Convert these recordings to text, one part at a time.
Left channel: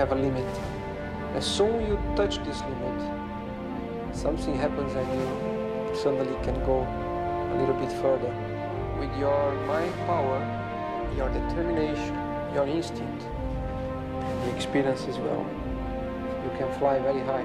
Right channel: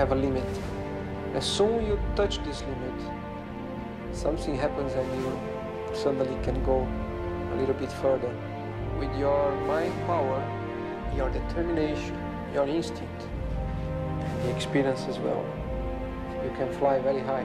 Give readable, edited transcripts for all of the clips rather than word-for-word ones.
have a limit. As soon you touch this limit, something happens and you suddenly can go a little bit further. With your mind power, your determination, your instinct, and the experience as well, you can fly very high.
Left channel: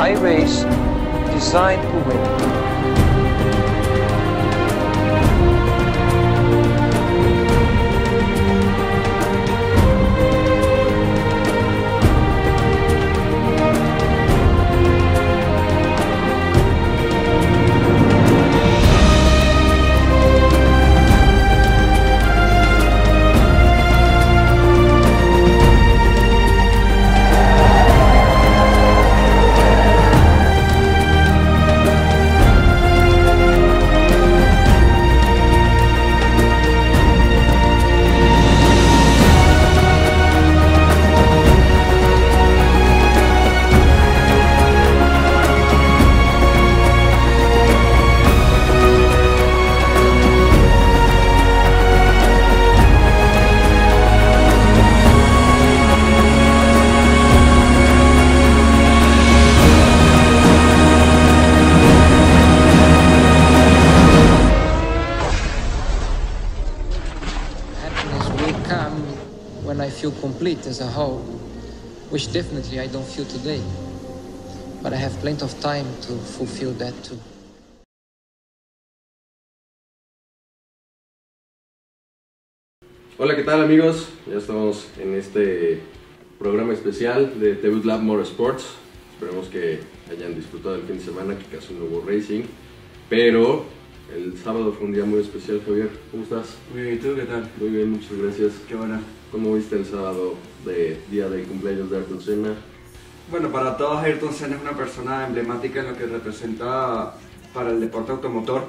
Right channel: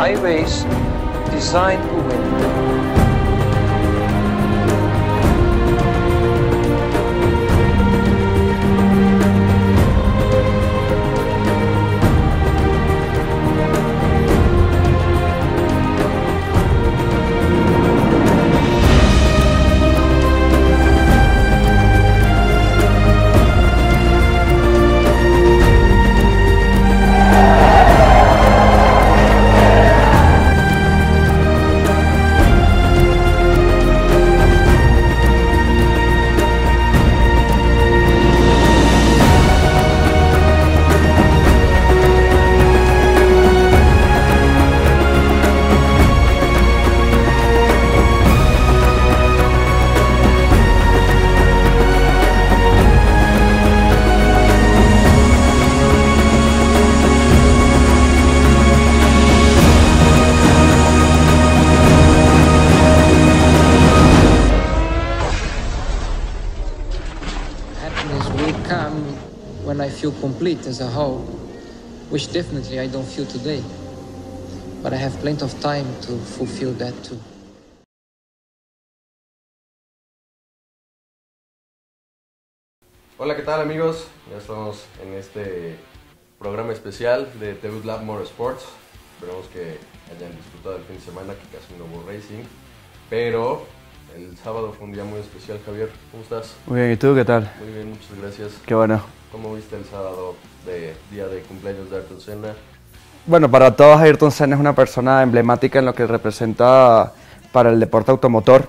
iRace designed to win. When I feel complete as a whole, which definitely I don't feel today, but I have plenty of time to fulfill that too. Hola, ¿qué tal amigos? Ya estamos en este programa especial de Debut Lab Motorsports. Esperemos que hayan disfrutado el fin de semana, que casi no hubo racing, pero el sábado fue un día muy especial. Javier, ¿cómo estás? Muy bien, ¿y tú qué tal? Muy bien, muchas gracias. Qué bueno. ¿Cómo viste el sábado de día de cumpleaños de Ayrton Senna? Bueno, para todos Ayrton Senna es una persona emblemática en lo que representa para el deporte automotor.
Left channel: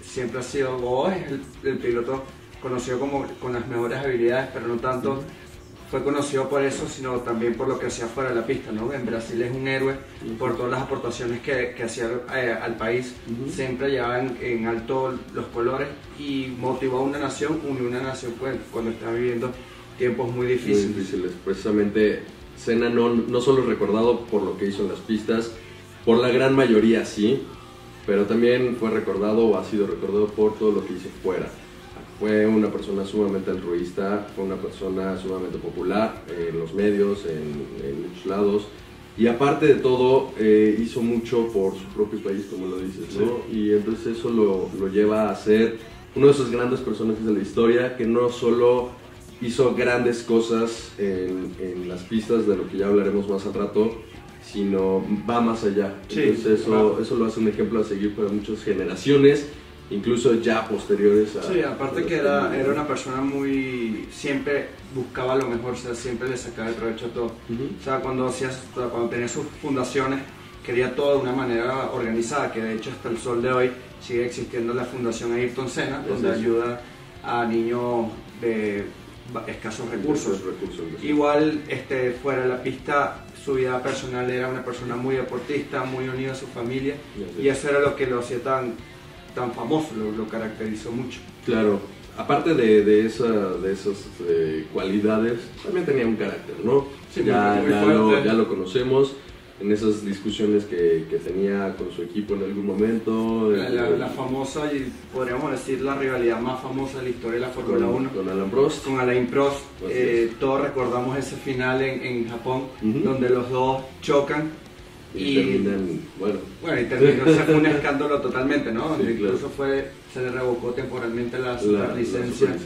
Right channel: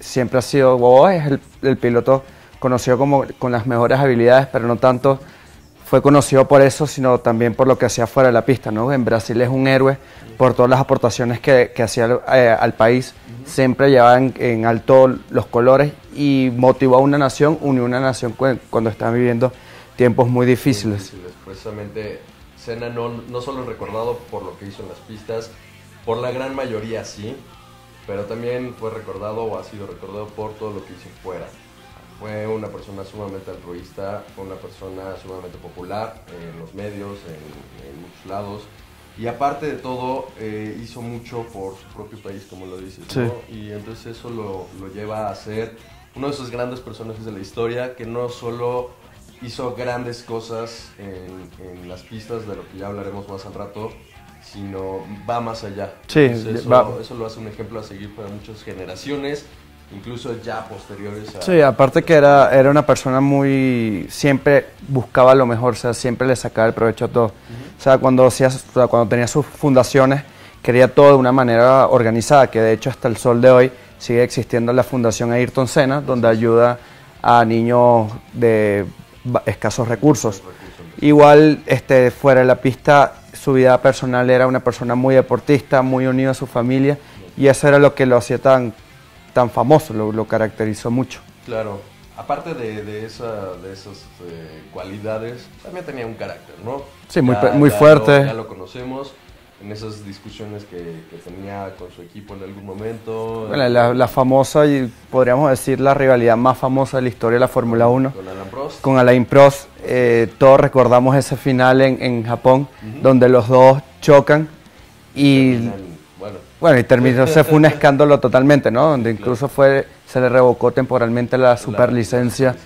Siempre ha sido, o es el piloto conocido como con las mejores habilidades, pero no tanto fue conocido por eso, sino también por lo que hacía fuera de la pista, ¿no? En Brasil es un héroe por todas las aportaciones que hacía al país. Siempre llevaba en alto los colores y motivó a una nación, unió una nación cuando estaba viviendo tiempos muy difíciles. Precisamente Senna no solo recordado por lo que hizo en las pistas, por la gran mayoría sí, pero también fue recordado o ha sido recordado por todo lo que hizo fuera. Fue una persona sumamente altruista, fue una persona sumamente popular en los medios, en muchos lados. Y aparte de todo, hizo mucho por su propio país, como lo dices, sí, ¿no? Y entonces eso lo lleva a ser uno de esos grandes personajes de la historia, que no solo hizo grandes cosas en las pistas, de lo que ya hablaremos más al rato, sino va más allá. Sí, entonces eso lo hace un ejemplo a seguir para muchas generaciones, incluso ya posteriores a... Sí, aparte que era una persona siempre buscaba lo mejor, o sea, siempre le sacaba el provecho a todo. O sea, cuando tenía sus fundaciones, quería todo de una manera organizada, que de hecho hasta el sol de hoy sigue existiendo la Fundación Ayrton Senna, donde ayuda a niños de escasos recursos. Igual, fuera de la pista, su vida personal era una persona muy deportista, muy unida a su familia, y eso era lo que lo hacía tan famoso, lo caracterizó mucho. Claro, aparte de esas cualidades, también tenía un carácter, ¿no? Sí, muy fuerte. Ya lo conocemos en esas discusiones que tenía con su equipo en algún momento. La famosa, y podríamos decir la rivalidad más famosa de la historia de la Fórmula 1. Con Alain Prost. Con Alain Prost. Todos recordamos ese final en Japón, donde los dos chocan y terminó, se fue un escándalo totalmente, ¿no? Donde sí, incluso se le revocó temporalmente la superlicencia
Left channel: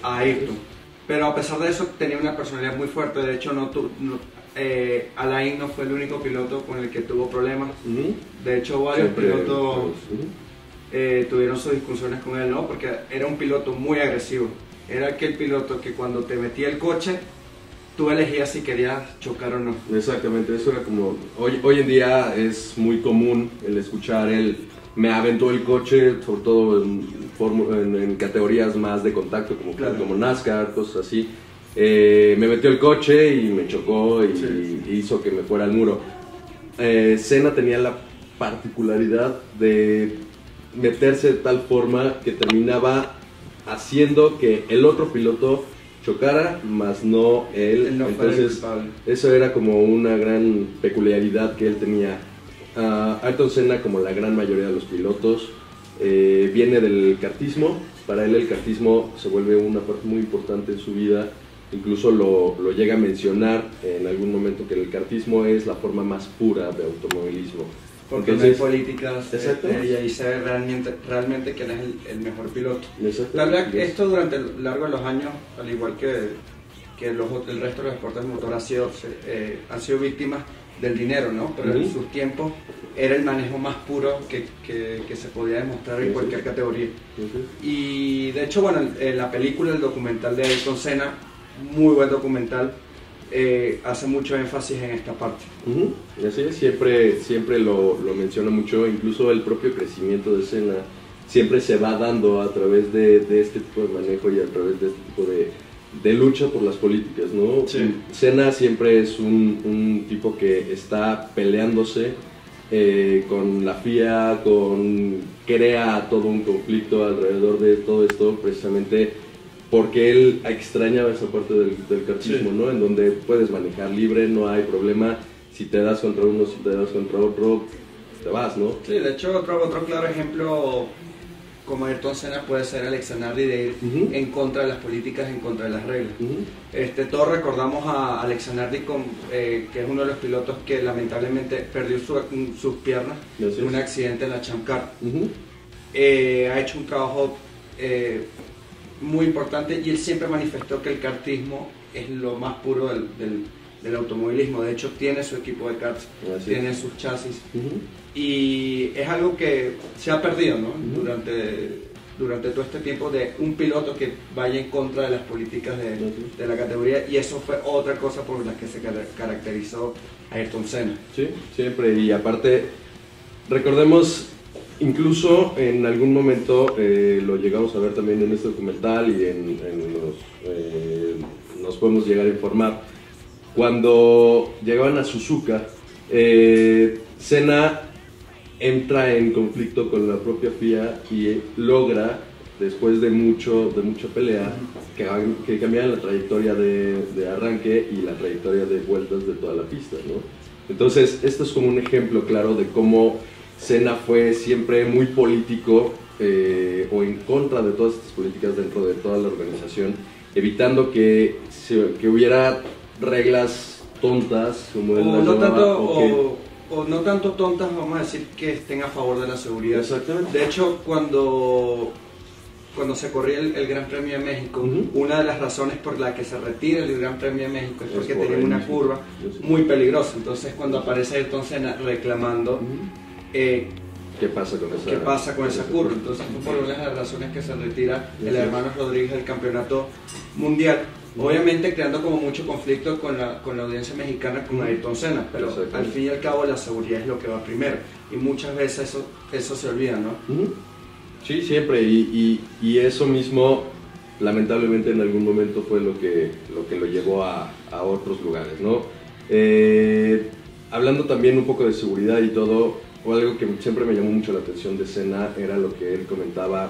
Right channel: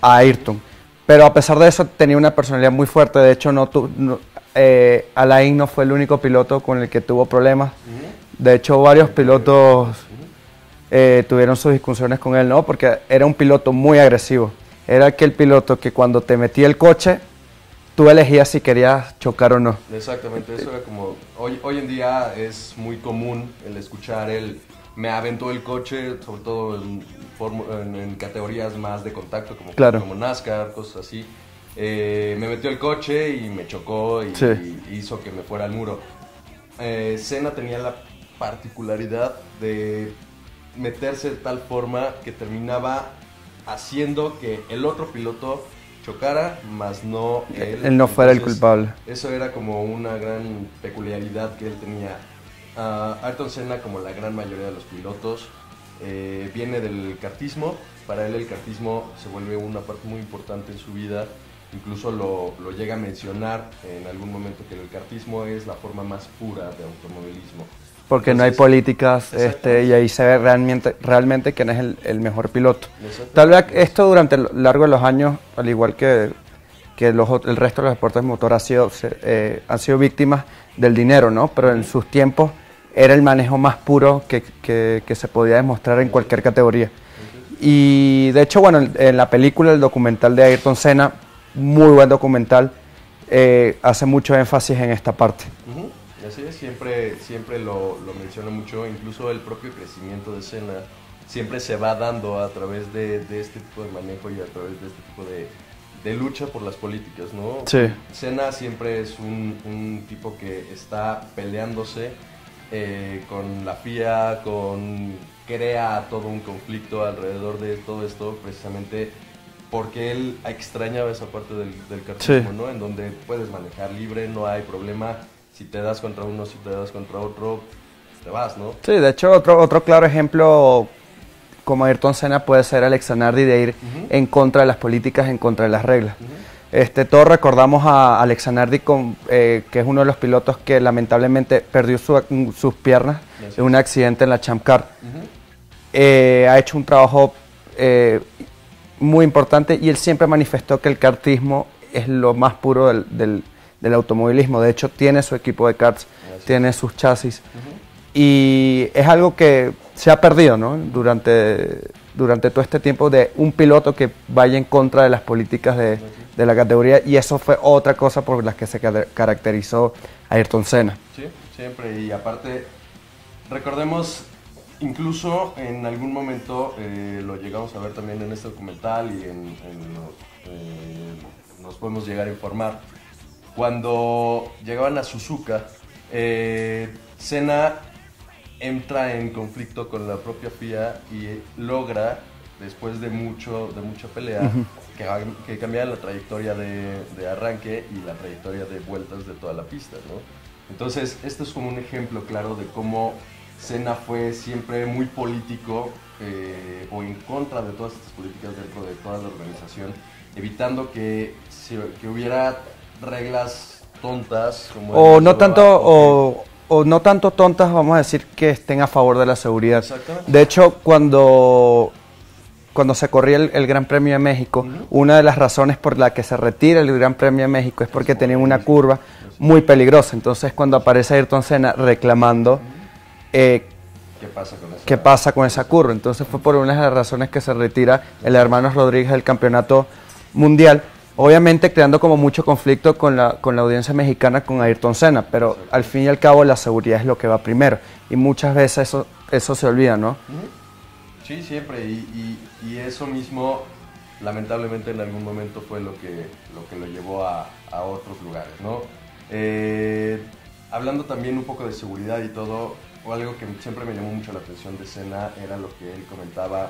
a Ayrton. Pero a pesar de eso tenía una personalidad muy fuerte. De hecho, Alain no fue el único piloto con el que tuvo problemas. De hecho, varios pilotos tuvieron sus discusiones con él, ¿no? Porque era un piloto muy agresivo. Era aquel piloto que cuando te metía el coche tú elegías si querías chocar o no. Exactamente, eso era como... Hoy en día es muy común el escuchar el... Me aventó el coche, sobre todo en categorías más de contacto, como NASCAR, cosas así. Me metió el coche y me chocó y hizo que me fuera al muro. Senna tenía la particularidad de meterse de tal forma que terminaba haciendo que el otro piloto chocara, más no él. Él no fuera el culpable. Eso era como una gran peculiaridad que él tenía. Ayrton Senna, como la gran mayoría de los pilotos, viene del kartismo. Para él el kartismo se vuelve una parte muy importante en su vida. Incluso lo llega a mencionar en algún momento, que el kartismo es la forma más pura de automovilismo. Porque entonces, no hay políticas y ahí se ve realmente quién es el mejor piloto. Tal vez esto durante el largo de los años, al igual que el resto de los deportes de motor, han sido víctimas del dinero, ¿no? Pero en sus tiempos era el manejo más puro que se podía demostrar en cualquier categoría. Y de hecho, bueno, en la película, el documental de Ayrton Senna, muy buen documental, hace mucho énfasis en esta parte. Y así es, siempre lo menciona mucho. Incluso el propio crecimiento de Senna siempre se va dando a través de este tipo de manejo y a través de este tipo de lucha por las políticas, ¿no? Sí. Senna siempre es un tipo que está peleándose con la FIA, crea todo un conflicto alrededor de todo esto, precisamente porque él extrañaba esa parte del kartismo, ¿no? En donde puedes manejar libre, no hay problema. Si te das contra uno, si te das contra otro, te vas, ¿no? Sí, de hecho, otro claro ejemplo como Ayrton Senna puede ser Alex Zanardi, de ir en contra de las políticas, en contra de las reglas. Todos recordamos a Alex Zanardi, que es uno de los pilotos que lamentablemente perdió sus piernas en un accidente en la Champ Car. Ha hecho un trabajo muy importante, y él siempre manifestó que el kartismo es lo más puro del automovilismo. De hecho, tiene su equipo de karts, tiene sus chasis, y es algo que se ha perdido, ¿no? Durante todo este tiempo, de un piloto que vaya en contra de las políticas de la categoría, y eso fue otra cosa por la que se caracterizó Ayrton Senna. Sí, siempre, y aparte, recordemos, incluso en algún momento lo llegamos a ver también en este documental, y nos podemos llegar a informar, cuando llegaban a Suzuka, Senna entra en conflicto con la propia FIA y logra, después de mucha pelea, que cambiaran la trayectoria de arranque y la trayectoria de vueltas de toda la pista, ¿no? Entonces, esto es como un ejemplo claro de cómo Senna fue siempre muy político, o en contra de todas estas políticas dentro de toda la organización, evitando que hubiera reglas tontas, como o no tanto tontas, vamos a decir, que estén a favor de la seguridad. De hecho, cuando se corría el Gran Premio de México, una de las razones por la que se retira el Gran Premio de México es porque tenía una curva muy peligrosa. Entonces, cuando aparece Ayrton Senna reclamando ¿qué pasa con esa curva? Entonces fue por una de las razones que se retira el Hermanos Rodríguez del campeonato mundial. Obviamente creando como mucho conflicto con la audiencia mexicana, con Ayrton Senna, pero al fin y al cabo la seguridad es lo que va primero, y muchas veces eso se olvida, ¿no? Sí, siempre, y eso mismo lamentablemente en algún momento fue lo que lo llevó a otros lugares, ¿no? Hablando también un poco de seguridad y todo, algo que siempre me llamó mucho la atención de Senna era lo que él comentaba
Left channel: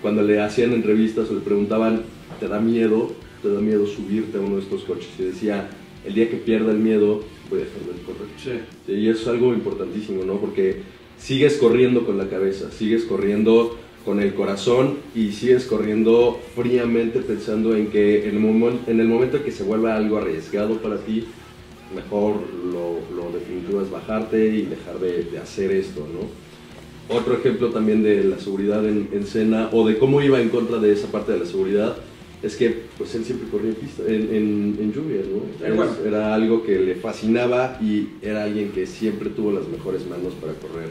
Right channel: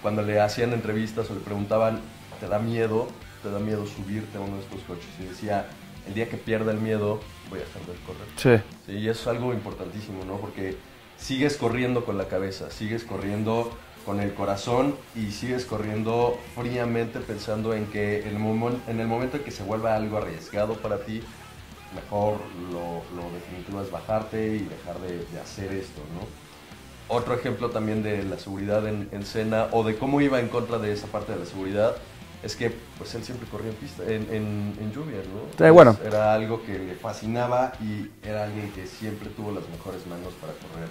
cuando le hacían entrevistas o le preguntaban, ¿te da miedo subirte a uno de estos coches? Y decía, el día que pierda el miedo, voy a dejar de correr. Sí, y eso es algo importantísimo, ¿no? Porque sigues corriendo con la cabeza, sigues corriendo con el corazón, y sigues corriendo fríamente pensando en que en el momento que se vuelva algo arriesgado para ti, mejor lo definitivo es bajarte y dejar de hacer esto, ¿no? Otro ejemplo también de la seguridad en Senna, o de cómo iba en contra de esa parte de la seguridad, es que pues él siempre corría en pista, en lluvia, ¿no? Bueno. Era algo que le fascinaba, y era alguien que siempre tuvo las mejores manos para correr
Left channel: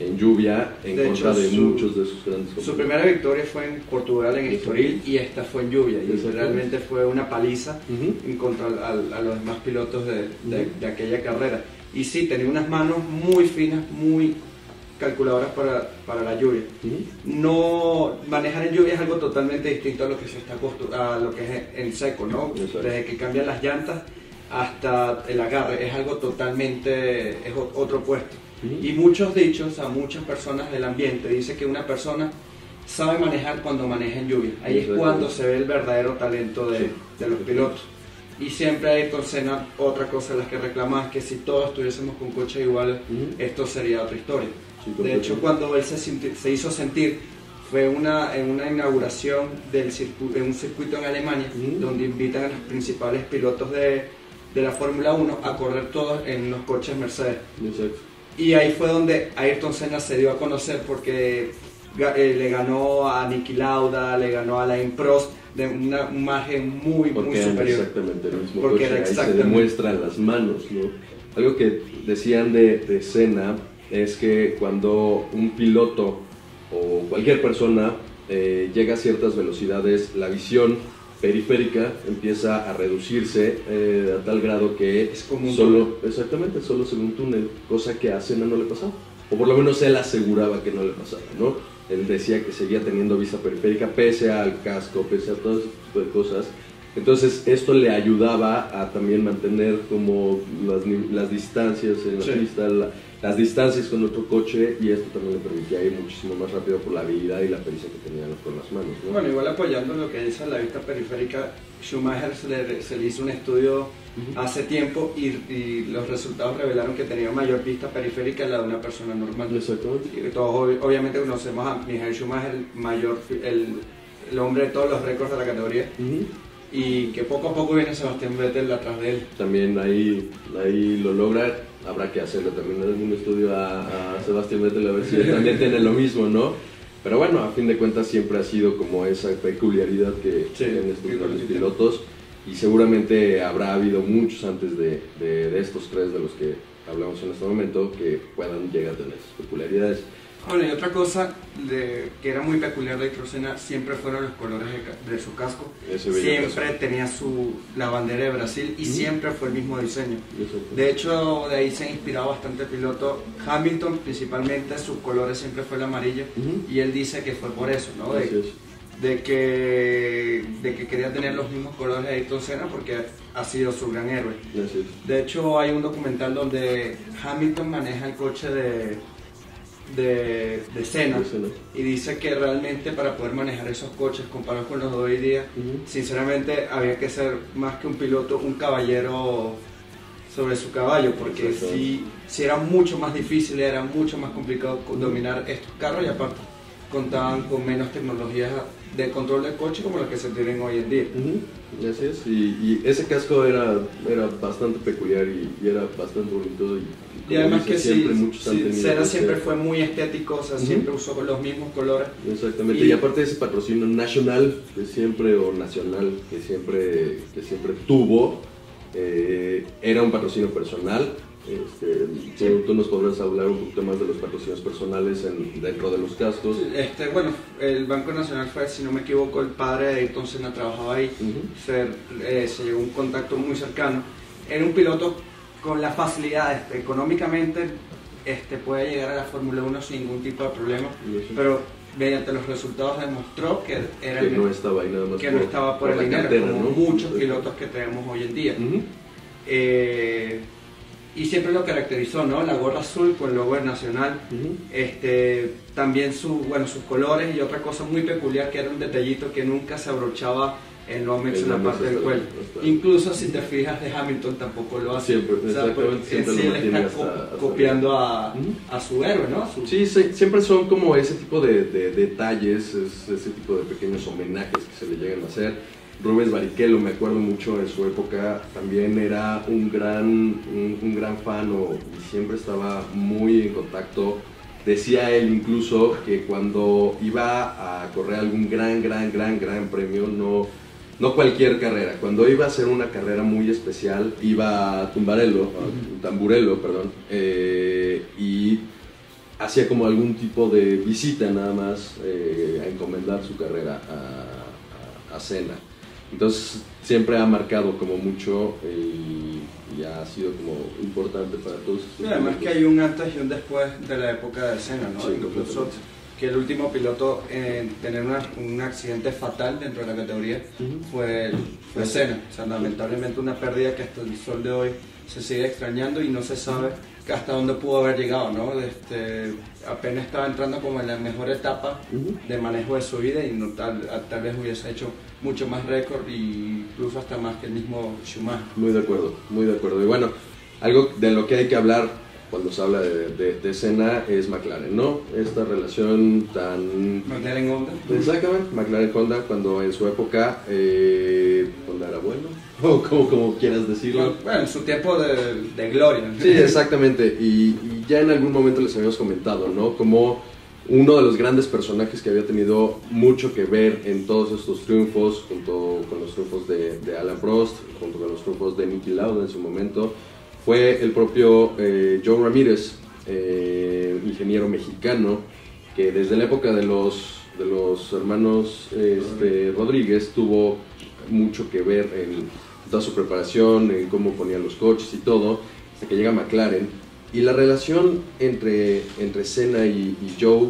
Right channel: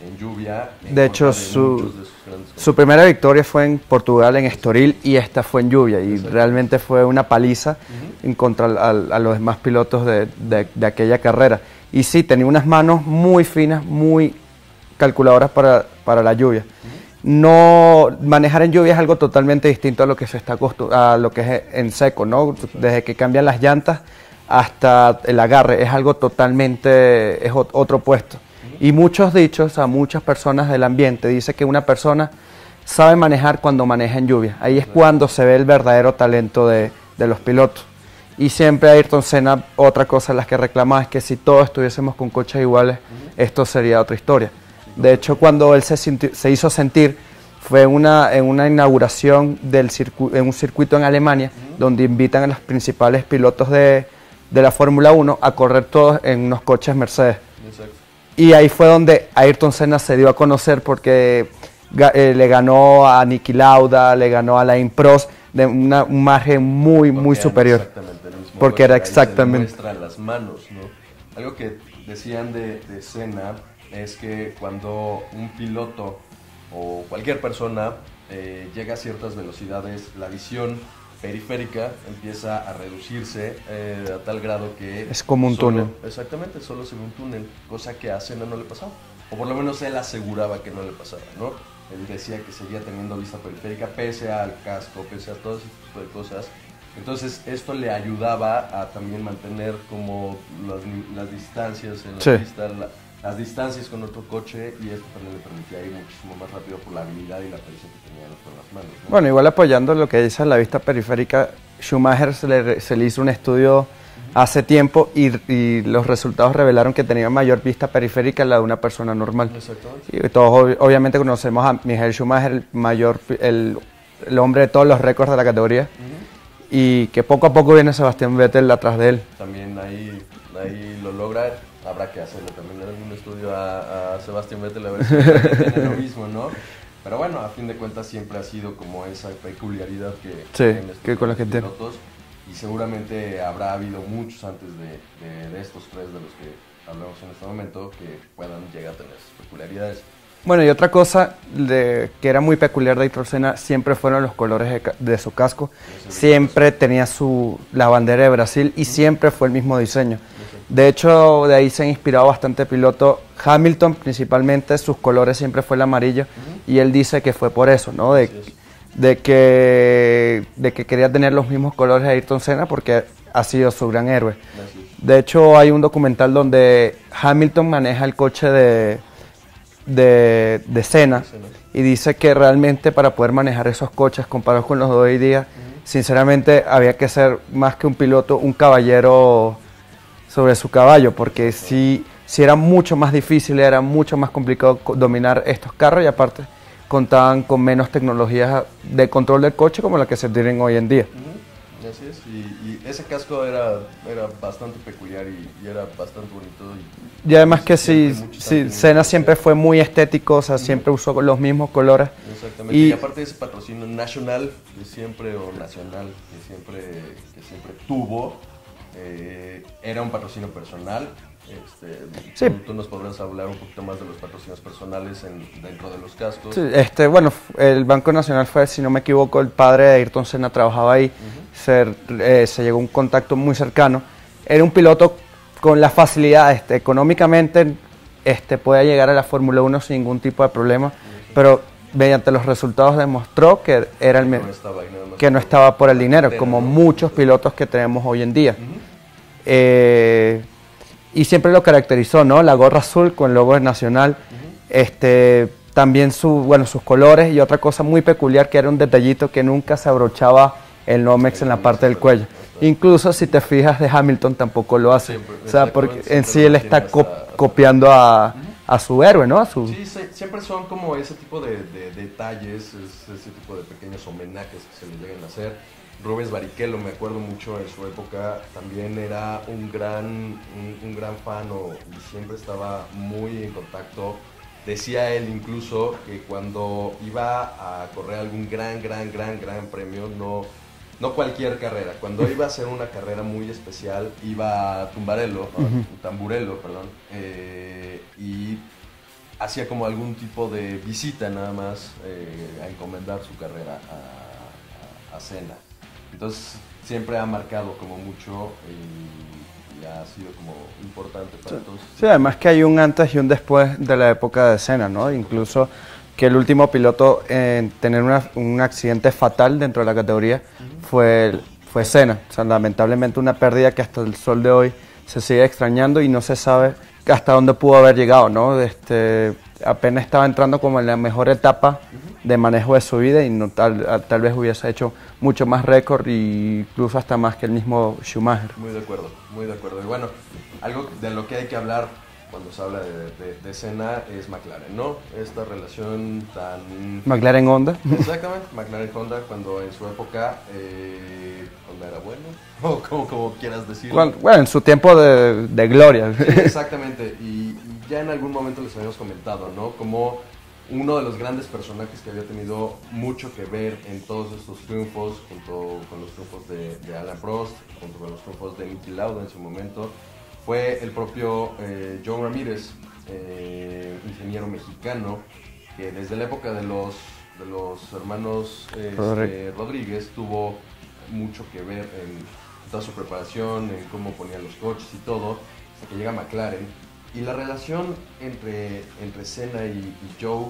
en lluvia en de hecho, contra de muchos de sus grandes su primera victoria fue en Portugal, en Estoril, y esta fue en lluvia, y realmente fue una paliza en contra a los demás pilotos de aquella carrera. Y sí, tenía unas manos muy finas, muy calculadoras para la lluvia. No, manejar en lluvia es algo totalmente distinto a lo que se está a lo que es en seco, ¿no? Desde que cambian las llantas hasta el agarre, es algo totalmente, es otro puesto. Y muchos dichos, a muchas personas del ambiente, dice que una persona sabe manejar cuando maneja en lluvia. Ahí es cuando se ve el verdadero talento de los pilotos. Y siempre Ayrton Senna, otra cosa en las que reclamaba es que si todos estuviésemos con coches iguales, esto sería otra historia. De hecho, cuando él se hizo sentir, fue en una inauguración en un circuito en Alemania, donde invitan a los principales pilotos de la Fórmula 1 a correr todos en unos coches Mercedes. Exacto. Y ahí fue donde Ayrton Senna se dio a conocer, porque le ganó a Niki Lauda, le ganó a Alain Prost, de un margen muy superior. Exactamente el mismo porque coche, era ahí exactamente. se demuestra en las manos, ¿no? Algo que decían de Senna es que cuando un piloto o cualquier persona llega a ciertas velocidades, la visión periférica empieza a reducirse a tal grado que es como un túnel. Exactamente, solo se ve un túnel, cosa que a Senna no le pasaba, o por lo menos él aseguraba que no le pasaba, ¿no? Él decía que seguía teniendo vista periférica pese al casco, pese a todo ese tipo de cosas. Entonces esto le ayudaba a también mantener como las distancias en la pista, las distancias con otro coche, y esto también le permitía ir muchísimo más rápido por la habilidad y la pericia que tenía con las manos, ¿no? Bueno, igual apoyando lo que dice la vista periférica, Schumacher se le hizo un estudio hace tiempo y los resultados revelaron que tenía mayor vista periférica la de una persona normal. Exactamente. Y todos obviamente conocemos a Michael Schumacher, el hombre de todos los récords de la categoría, y que poco a poco viene Sebastián Vettel atrás de él. También ahí lo logra, habrá que hacerlo también en un estudio a Sebastián Vettel a ver si también tiene lo mismo, ¿no? Pero bueno, a fin de cuentas siempre ha sido como esa peculiaridad que tienen estos pilotos, y seguramente habrá habido muchos antes de estos tres de los que hablamos en este momento que puedan llegar a tener esas peculiaridades. Bueno, y otra cosa que era muy peculiar de Ayrton Senna siempre fueron los colores de su casco. Siempre tenía la bandera de Brasil y siempre fue el mismo diseño. De hecho, de ahí se ha inspirado bastante piloto. Hamilton, principalmente, sus colores siempre fue el amarillo, y él dice que fue por eso, ¿no? De que quería tener los mismos colores de Ayrton Senna porque ha sido su gran héroe. De hecho, hay un documental donde Hamilton maneja el coche de Senna, y dice que realmente para poder manejar esos coches comparados con los de hoy día, sinceramente había que ser más que un piloto, un caballero sobre su caballo, porque sí era mucho más difícil, era mucho más complicado dominar estos carros, y aparte contaban con menos tecnologías de control del coche como la que se tienen hoy en día. Así es, y ese casco era bastante peculiar y era bastante bonito. Y además que Senna siempre fue muy estético, o sea, siempre usó los mismos colores. Exactamente, y aparte de ese patrocinio nacional que siempre, o nacional que siempre tuvo, era un patrocinio personal. Tú nos podrás hablar un poquito más de los patrocinios personales dentro de los cascos. Sí, bueno, el Banco Nacional fue, si no me equivoco, el padre de Ayrton Senna trabajaba ahí. Se llegó a un contacto muy cercano. Era un piloto con la facilidad, económicamente podía llegar a la Fórmula 1 sin ningún tipo de problema, pero mediante los resultados demostró que era que no estaba por el dinero, como muchos pilotos que tenemos hoy en día. Y siempre lo caracterizó, ¿no? La gorra azul con el logo nacional, también sus colores, y otra cosa muy peculiar que era un detallito que nunca se abrochaba el Nomex en la parte del cuello. Incluso si te fijas de Hamilton tampoco lo hace, o sea, porque en sí él está copiando a su héroe, ¿no? Sí, siempre son como ese tipo de detalles, ese tipo de pequeños homenajes que se le llegan a hacer. Rubens Barrichello, me acuerdo mucho en su época, también era un gran fan y siempre estaba muy en contacto. Decía él incluso que cuando iba a correr algún gran premio, no cualquier carrera, cuando iba a hacer una carrera muy especial, iba a Tamburello, y hacía como algún tipo de visita nada más a encomendar su carrera a Cena. Entonces siempre ha marcado como mucho y ha sido como importante para todos. Sí, además que hay un antes y un después de la época de Senna, ¿no? Sí, Incluso que el último piloto en tener un accidente fatal dentro de la categoría fue Senna. O sea, lamentablemente una pérdida que hasta el sol de hoy se sigue extrañando y no se sabe hasta dónde pudo haber llegado, ¿no? Apenas estaba entrando como en la mejor etapa de manejo de su vida y no, tal vez hubiese hecho mucho más récord e incluso hasta más que el mismo Schumacher. Muy de acuerdo, muy de acuerdo. Y bueno, algo de lo que hay que hablar cuando se habla de Senna es McLaren, ¿no? Esta relación tan... McLaren-Honda. Exactamente, McLaren-Honda cuando en su época, cuando era bueno, o como quieras decirlo. Bueno, en su tiempo de gloria. Sí, exactamente, y ya en algún momento les habíamos comentado, ¿no? Como uno de los grandes personajes que había tenido mucho que ver en todos estos triunfos, junto con los triunfos de Alain Prost, junto con los triunfos de Niki Lauda en su momento, fue el propio Joe Ramírez, ingeniero mexicano, que desde la época de los hermanos Rodríguez tuvo mucho que ver en toda su preparación, en cómo ponía los coches y todo, hasta que llega McLaren. Y la relación entre Senna y Joe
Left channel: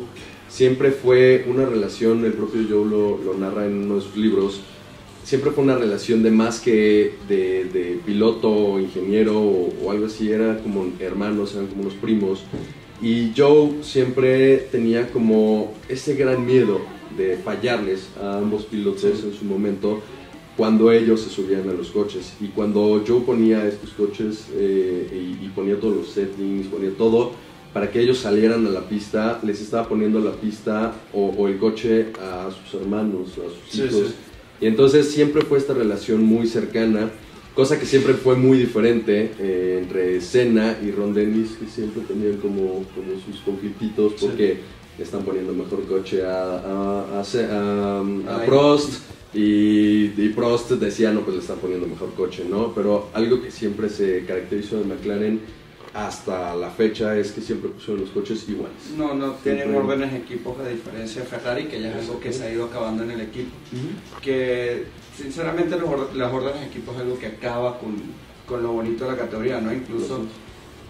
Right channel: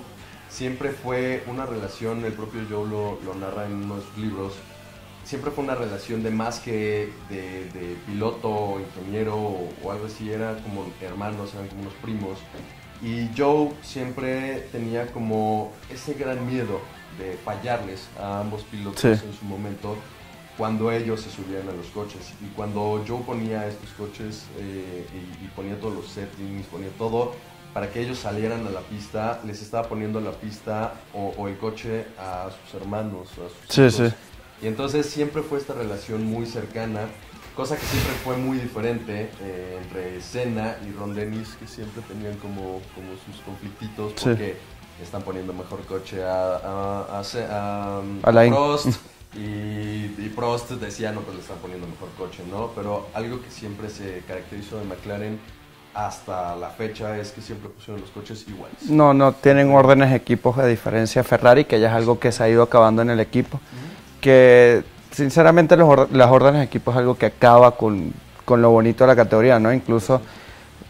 siempre fue una relación, el propio Joe lo narra en uno de sus libros, siempre fue una relación de más que de piloto, ingeniero o algo así, era como hermanos, eran como unos primos. Y Joe siempre tenía como ese gran miedo de fallarles a ambos pilotos en su momento cuando ellos se subían a los coches. Y cuando Joe ponía estos coches y ponía todos los settings, ponía todo para que ellos salieran a la pista, les estaba poniendo la pista o el coche a sus hermanos, a sus hijos. Sí. Y entonces siempre fue esta relación muy cercana, cosa que siempre fue muy diferente entre Senna y Ron Dennis, que siempre tenían como sus conflictitos porque le están poniendo mejor coche a Prost y Prost decía, no, pues le están poniendo mejor coche, ¿no? Pero algo que siempre se caracterizó de McLaren hasta la fecha es que siempre pusieron los coches iguales. No tienen órdenes de equipos a diferencia de Ferrari, que ya es algo que se ha ido acabando en el equipo. Que sinceramente las órdenes de equipo es algo que acaba con lo bonito de la categoría, ¿no? Incluso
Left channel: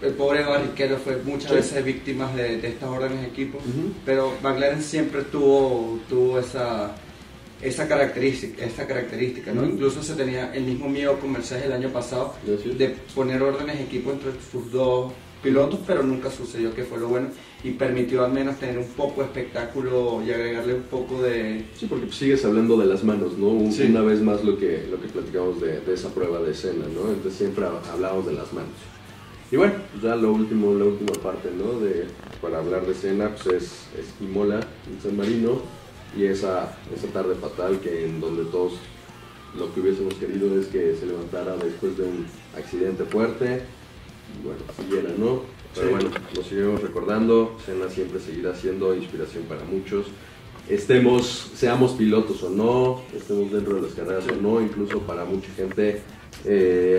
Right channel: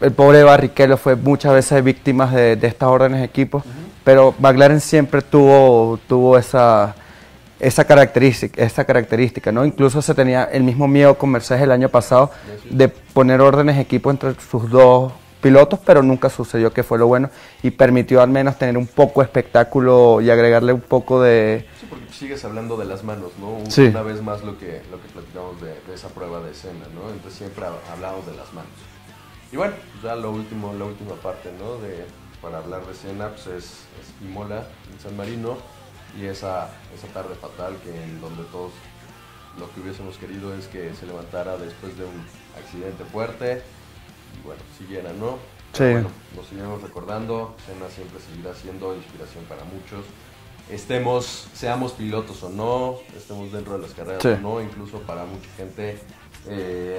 el pobre Barrichello fue muchas veces víctima de estas órdenes de equipo, pero McLaren siempre tuvo esa característica, ¿no? Incluso se tenía el mismo miedo con Mercedes el año pasado de poner órdenes de equipo entre sus dos pilotos, pero nunca sucedió, que fue lo bueno, y permitió al menos tener un poco de espectáculo y agregarle un poco de... Sí, porque sigues hablando de las manos, ¿no? Sí. Una vez más lo que platicamos de esa prueba de Senna, ¿no? Entonces siempre hablamos de las manos. Y bueno, ya la última parte, ¿no? Para hablar de Senna, pues es Imola, en San Marino, y esa tarde fatal en donde todos lo que hubiésemos querido es que se levantara después de un accidente fuerte y bueno, siguiera, ¿no? Sí. Bueno, nos seguimos recordando, Senna siempre seguirá siendo inspiración para muchos, seamos pilotos o no, estemos dentro de las carreras o no, incluso para mucha gente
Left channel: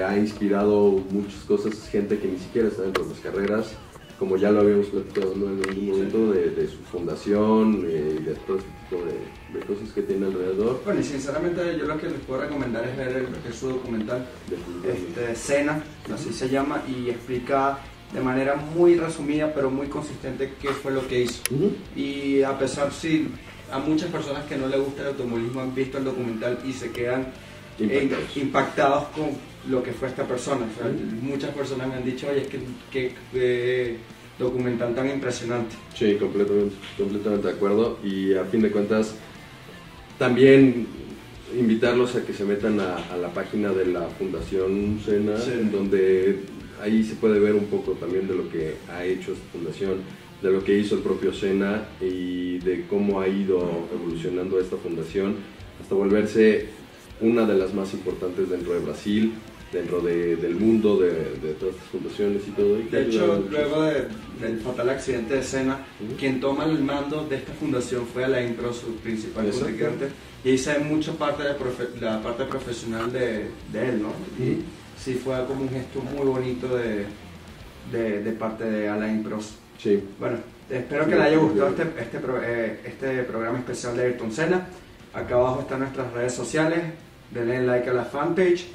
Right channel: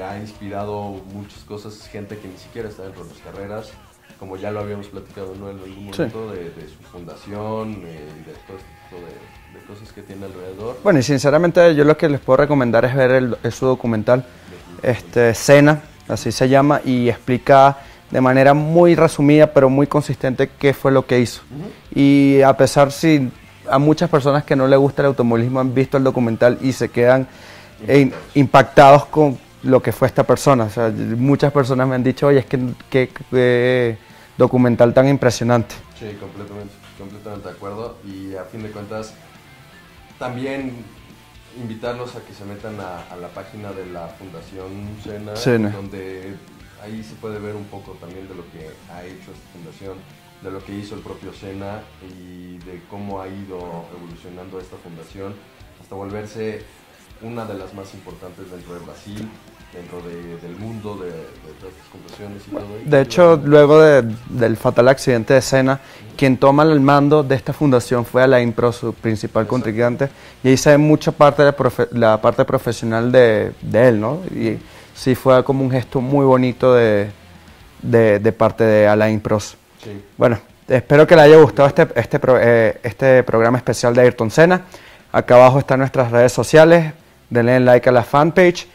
ha inspirado muchas cosas, gente que ni siquiera está dentro de las carreras, como ya lo habíamos platicado, ¿no? En algún momento de su fundación y de todo este tipo de cosas que tiene alrededor. Bueno, y sinceramente yo lo que les puedo recomendar es ver su documental, Senna, así se llama, y explica de manera muy resumida pero muy consistente qué fue lo que hizo. Y a pesar si a muchas personas que no les gusta el automovilismo han visto el documental y se quedan impactados con lo que fue esta persona. O sea, muchas personas me han dicho, oye, es que documental tan impresionante. Sí, completamente de acuerdo. Y a fin de cuentas, también invitarlos a que se metan a la página de la Fundación Senna, donde ahí se puede ver un poco también de lo que ha hecho esta fundación, de lo que hizo el propio Senna y de cómo ha ido evolucionando esta fundación hasta volverse una de las más importantes dentro de Brasil, dentro del mundo, de todas las fundaciones y todo. De hecho, luego del fatal accidente de Senna, quien toma el mando de esta fundación fue Alain Prost, su principal contrincante, y ahí se ve mucha parte de la parte profesional de él, ¿no? Y sí fue como un gesto muy bonito de parte de Alain Prost. Sí. Bueno, Espero que les haya gustado este programa especial de Ayrton Senna. Acá abajo están nuestras redes sociales. Denle like a la fanpage.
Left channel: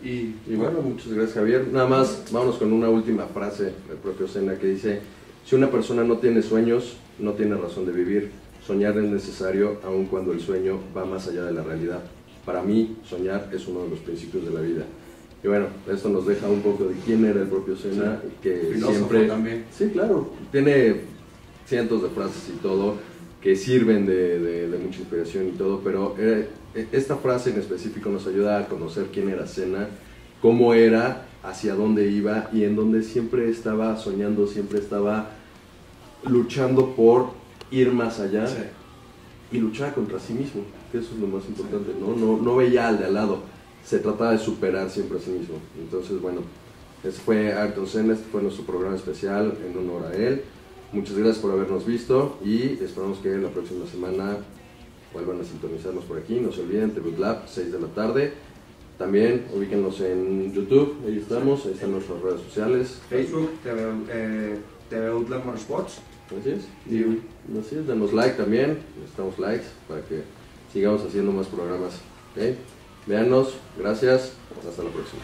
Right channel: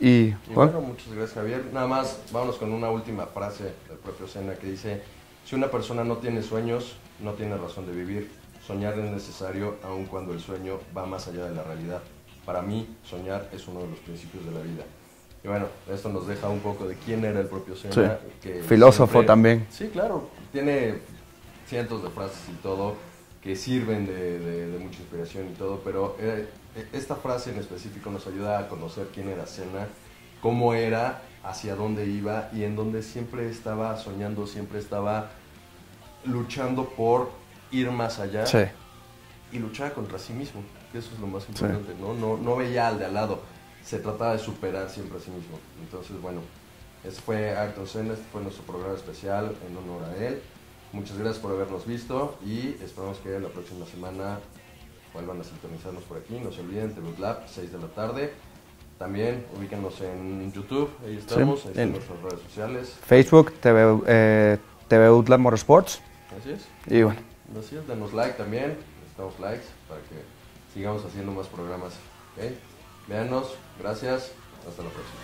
Y bueno, muchas gracias, Javier. Nada más, vámonos con una última frase del propio Senna que dice: si una persona no tiene sueños, no tiene razón de vivir. Soñar es necesario aun cuando el sueño va más allá de la realidad. Para mí, soñar es uno de los principios de la vida. Y bueno, esto nos deja un poco de quién era el propio Senna. Sí. Que filósofo siempre, también. Sí, claro. Tiene cientos de frases y todo que sirven de mucha inspiración y todo, pero esta frase en específico nos ayuda a conocer quién era Senna, cómo era, hacia dónde iba y en donde siempre estaba soñando, siempre estaba luchando por ir más allá. Sí. Y luchaba contra sí mismo, que eso es lo más importante, sí. No veía al de al lado, se trataba de superar siempre a sí mismo. Entonces, bueno, ese fue Ayrton Senna, este fue nuestro programa especial en honor a él. Muchas gracias por habernos visto y esperamos que la próxima semana vuelvan a sintonizarnos por aquí. No se olviden, TV Lab, 6 de la tarde. También ubíquenos en YouTube, ahí estamos, ahí están nuestras redes sociales. Facebook, TV Utlab Motorsports. Así es. Y bueno. Así es, denos like también, necesitamos likes para que sigamos haciendo más programas. ¿Okay? Véanos, gracias, hasta la próxima.